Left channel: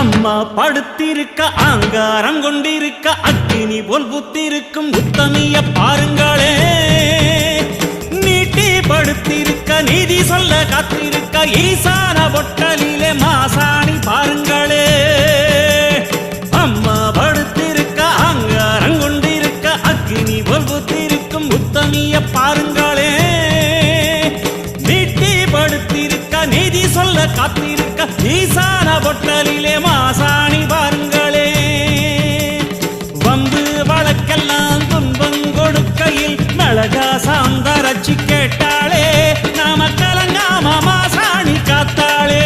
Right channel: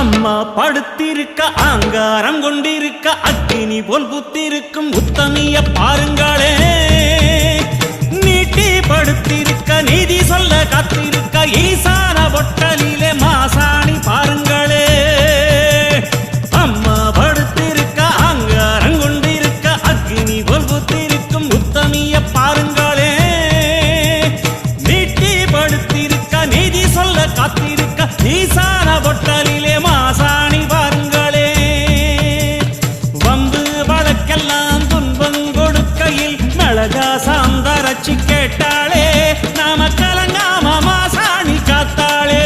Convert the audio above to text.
அம்மா படுத்திருக்க ஆங்காரம் கொண்டிருக்க அக்கினி போல் புத்திருக்கும் உத்தமிய பாருங்களே. நீட்டி படுத்திருக்க நீதி சொல்ல காத்திருக்க ஈசான பொட்டலிலே மாசாணி பாருங்களே. அம்மா படுத்திருக்க ஆங்காரம் கொண்டிருக்க அக்கினி போல் புத்திருக்கும் உத்தமிய பாருங்களே. நீட்டி படுத்திருக்க நீதி சொல்ல காத்திருக்க ஈசான பொட்டலிலே மாசாணி பாருங்களே. வம்பு வழக்கெல்லாம் துன்பம் கொடுக்கையில் மிளகா சாந்தரட்சி கேட்டாளே. நாம கலங்காம மாசாணி காத்தாளே.